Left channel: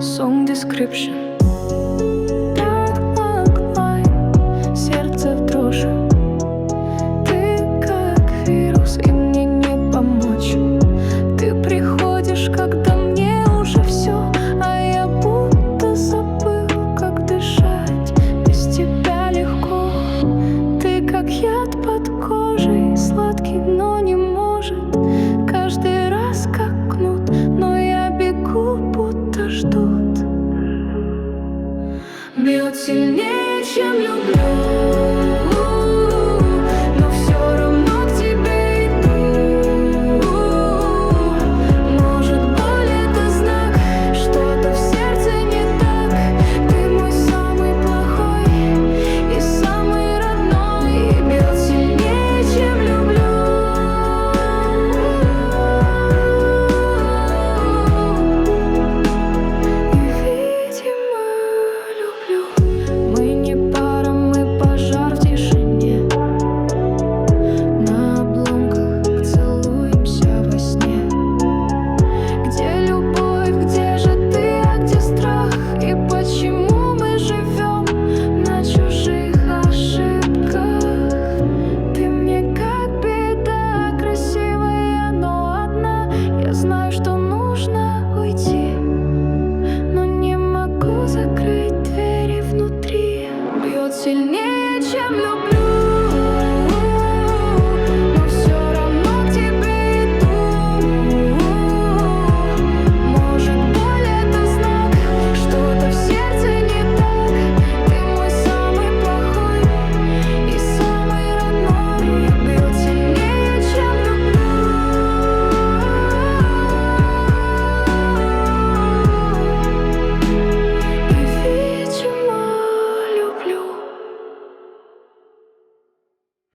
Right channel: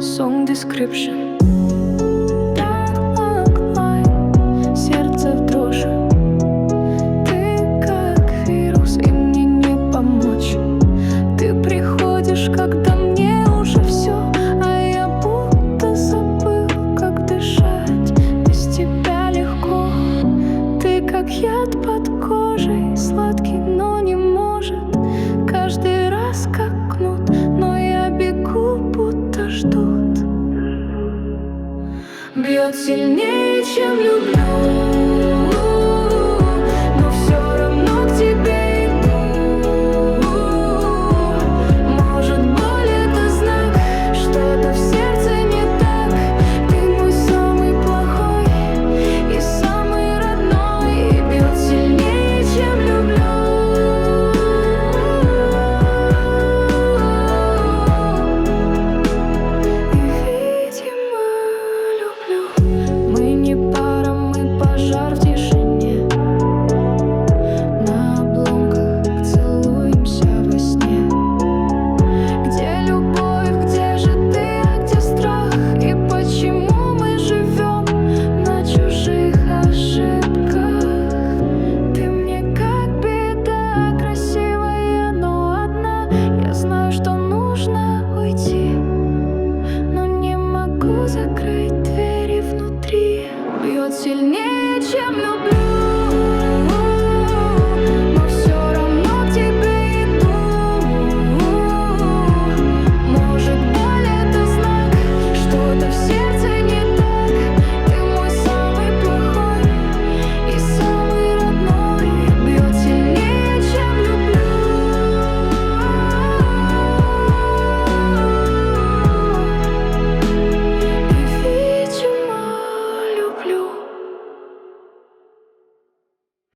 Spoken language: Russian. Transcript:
Song description. Dark line, сердце в дрожь. Ты как вирус, и мне не помочь. Ты приходишь, когда мне уже все, а я будто забыл, как дышать. Без тебя легко. Ты как яд под кожей, сладкий, но не может. Каждый раз как кнут, но я бегу, будто ждут. Бьет сильнее, чем люблю, но все равно к тебе иду. Может, боль — это знак, что-то в сердце не так. Ты мой самый плохой и самый родной. И бьет сильнее, чем люблю. И, видимо, люблю. Мы не пара, мы пожар в тишине. На обломках целуемся во сне. Где любовь, где же ты, а где страх? И почему мы живем на чужих ошибках? Ты мне как беда, красивая, но одна. Я знаю, что нужно уйти, но не могу закрыть двери внутри. Бьет сильнее, чем люблю.